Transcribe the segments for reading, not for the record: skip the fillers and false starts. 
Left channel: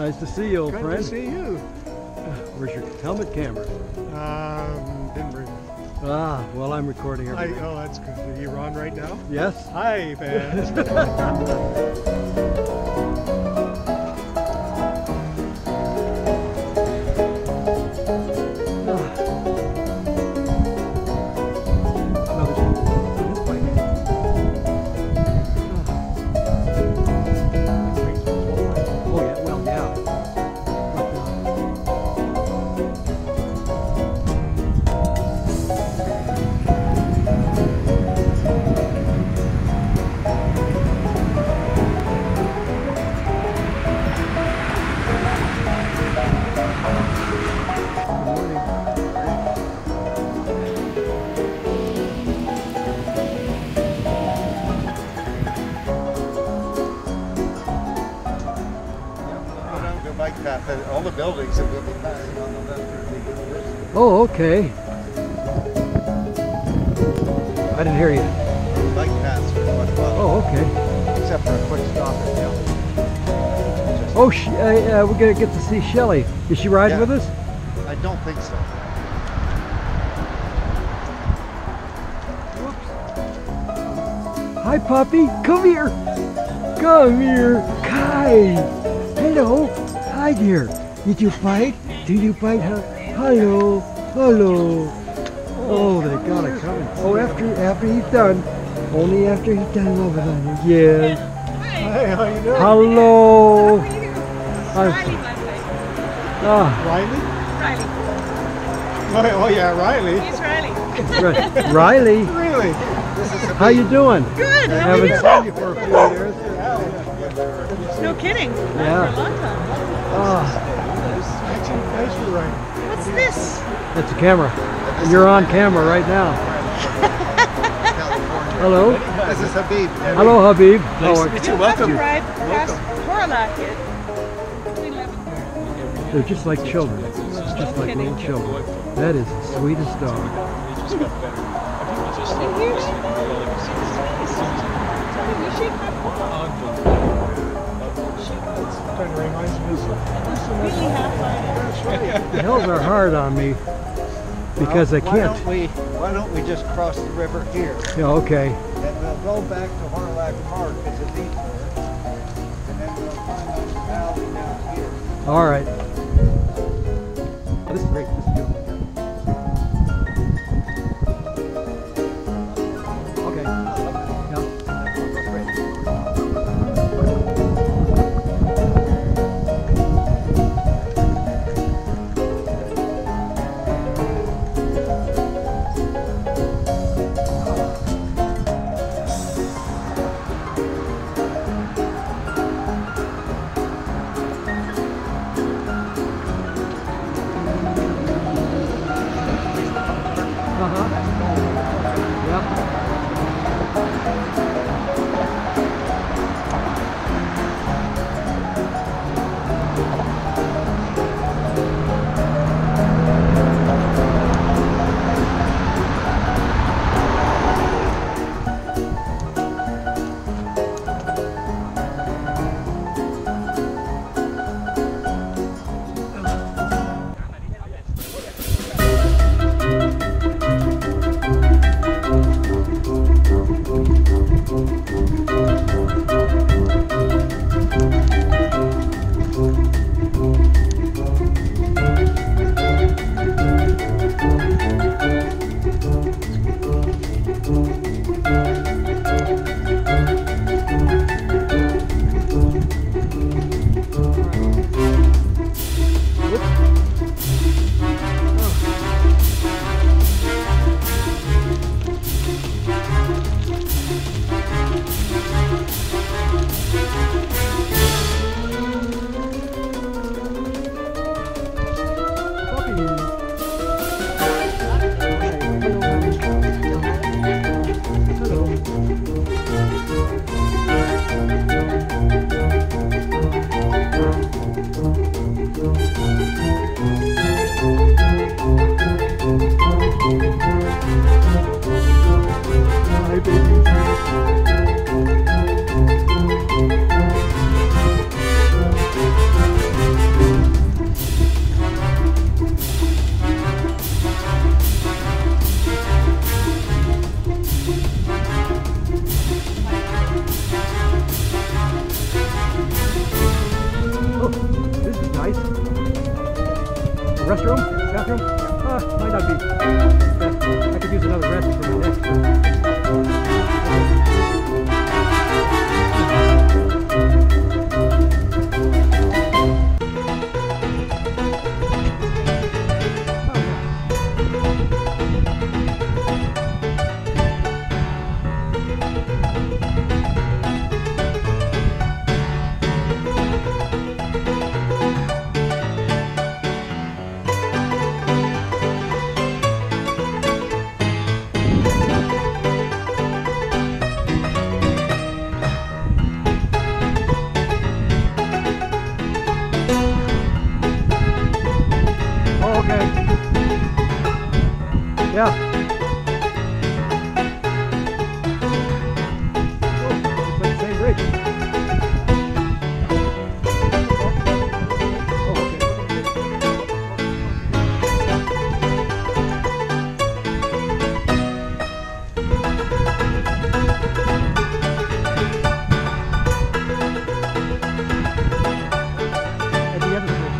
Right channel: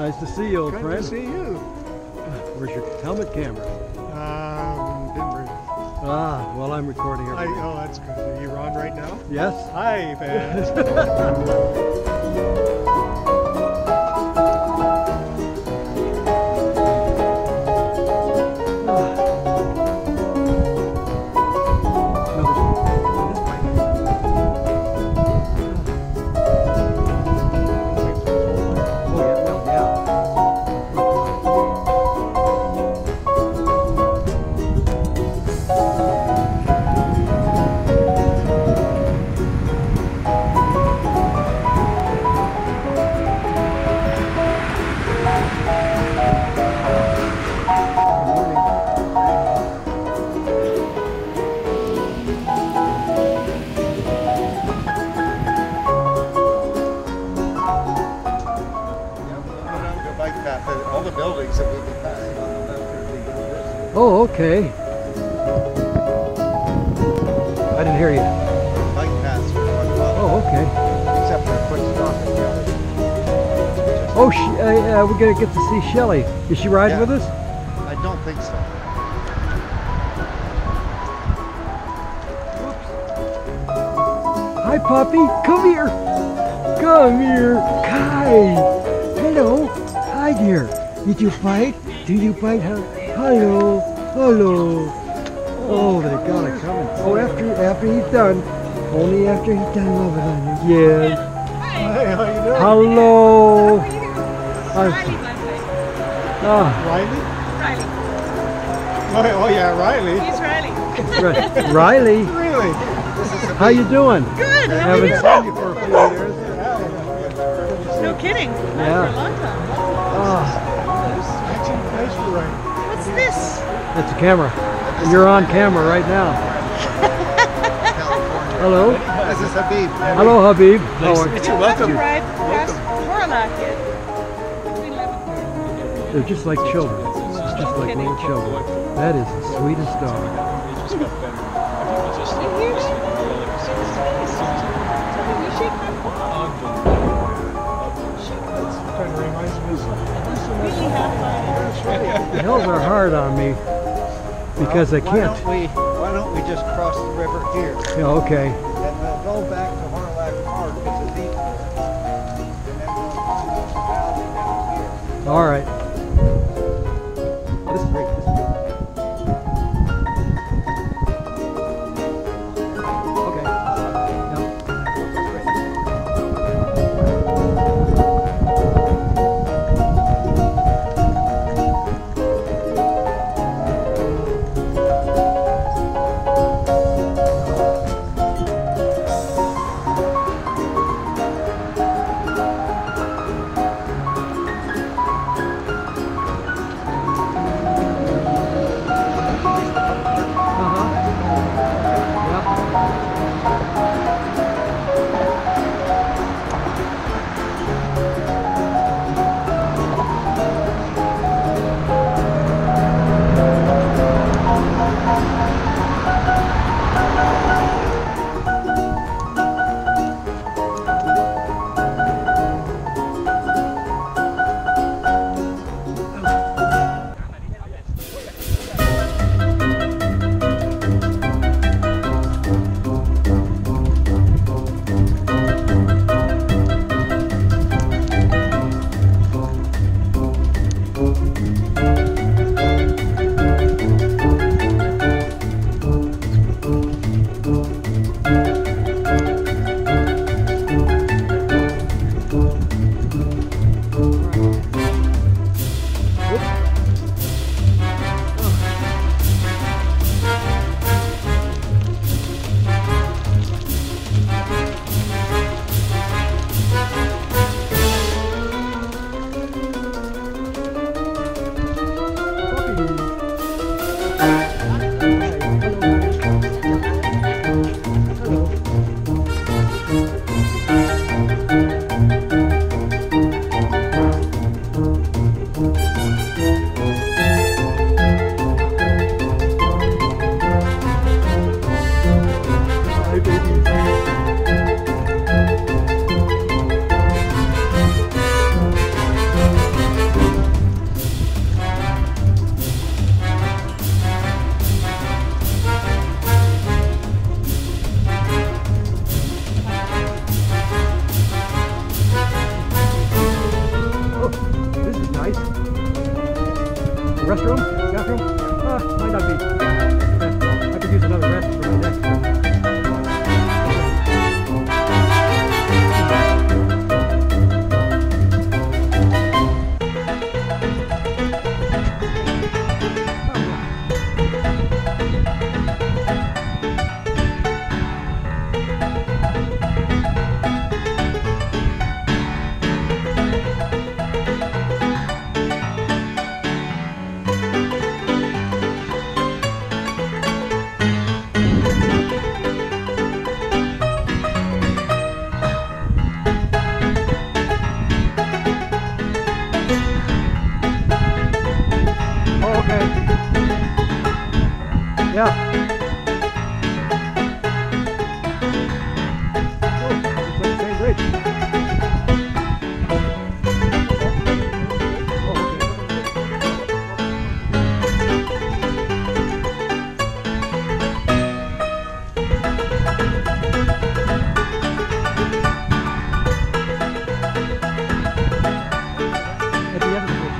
Nice to see you, old friend. Good to see you. Where's your helmet camera? Didn't bring it. Ah, well, I'm recording everything. Oh, that's good. Are you on right now? Yes. Hi, fans. All the buildings that we'll be passing on the left are the university. Oh, okay. I didn't hear you. Bike paths for quite a while. Oh, okay. Except for a quick stop at the other. Oh, we're going to get to see Shelley. Is she riding with us? I don't think so. Hi, puppy. Come here. Come here. Hi. Hello. Hi, dear. Did you fight? Did you fight her? Hello. Hello. Oh, they got it coming. Oh, after he's done. Only after he's done loving on you. Yes. Hi, how you doing? Hello. How are you? Riley, my friend. Riley? Riley. Oh, yeah, Riley. He's Riley. Riley. Really? How you doing? Good. I How are haven't you? seen you for a few years. No kidding. Not Yeah. for a long time. Oh, Nice for right. What's this? that's a camera. And you're on camera right now. California. Hello. This is Habib. Hello, Habib. Nice to meet you. Welcome. Ride past Horlock yet. Between 11:30. They're just like children. Just like little children. That is the sweetest dog. You hear that? You shake my paw. Kind of reminds me of Really half-hearted. That's right. The hills are hard on me because I can't. Why don't we just cross the river here? Yeah, okay. And we'll go back to Horlock Park because it's easier. And then we'll find out the valley down here. All right. Oh, this is great. This is beautiful. Okay. Yeah. Great. restroom? Bathroom? Might not be best. I could use another rest for my neck. Okay. Yeah. Oh, looks like the same bridge. Oh, okay. At the end of the bridge.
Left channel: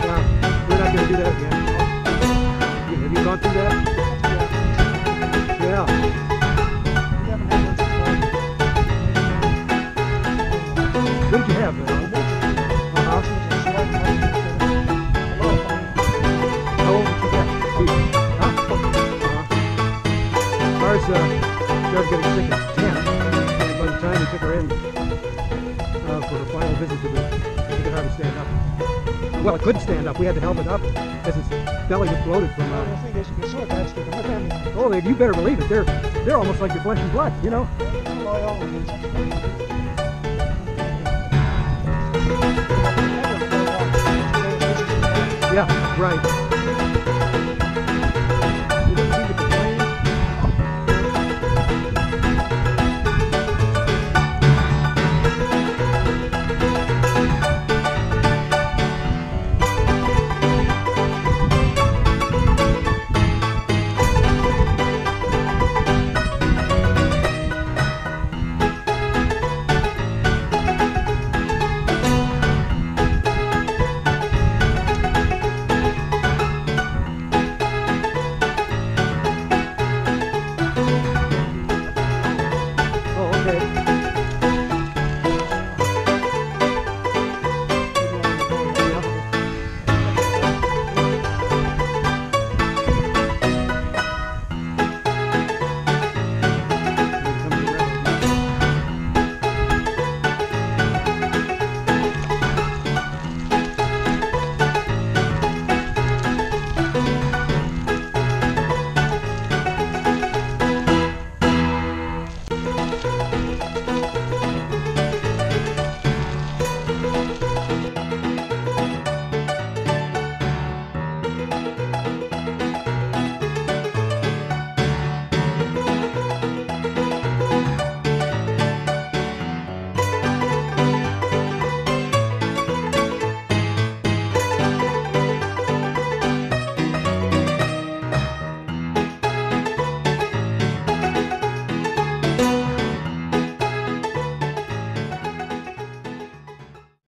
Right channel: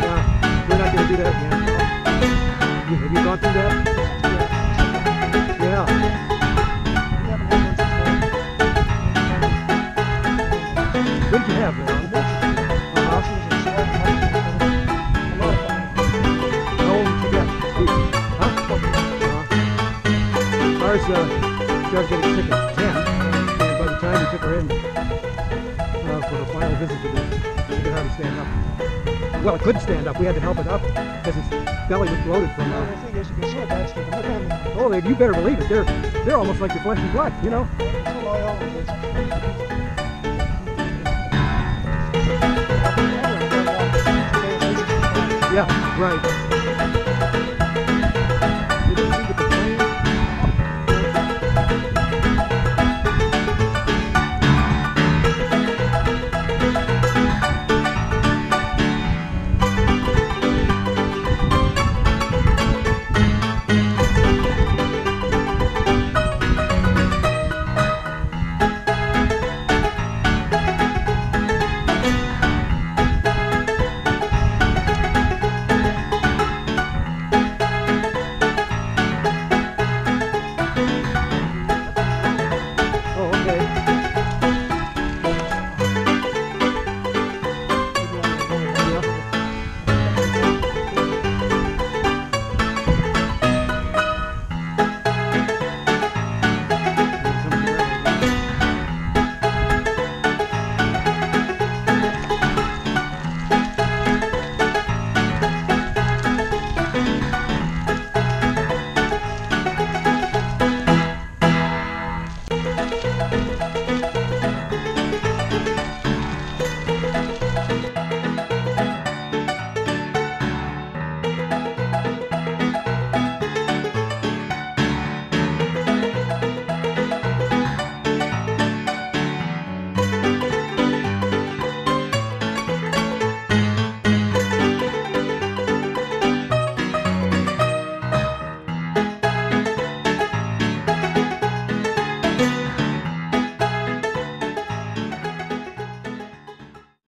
Yeah, we're not going to do that again. Have you gone through that? Yeah. We haven't had one since What did you have, Alan? She was a smart money. A lot of fun. How old did you get? Huh? Ours started getting sick at 10, and by the time we took her in for her final visit to the, she could hardly stand up. Well, it couldn't stand up. We had to help it up because its belly was bloated from. The thing is, you can sort of bad stick with them. Oh, you better believe it. They're almost like your flesh and blood, you know. That's what I always do. Yeah, right. They don't seem to complain.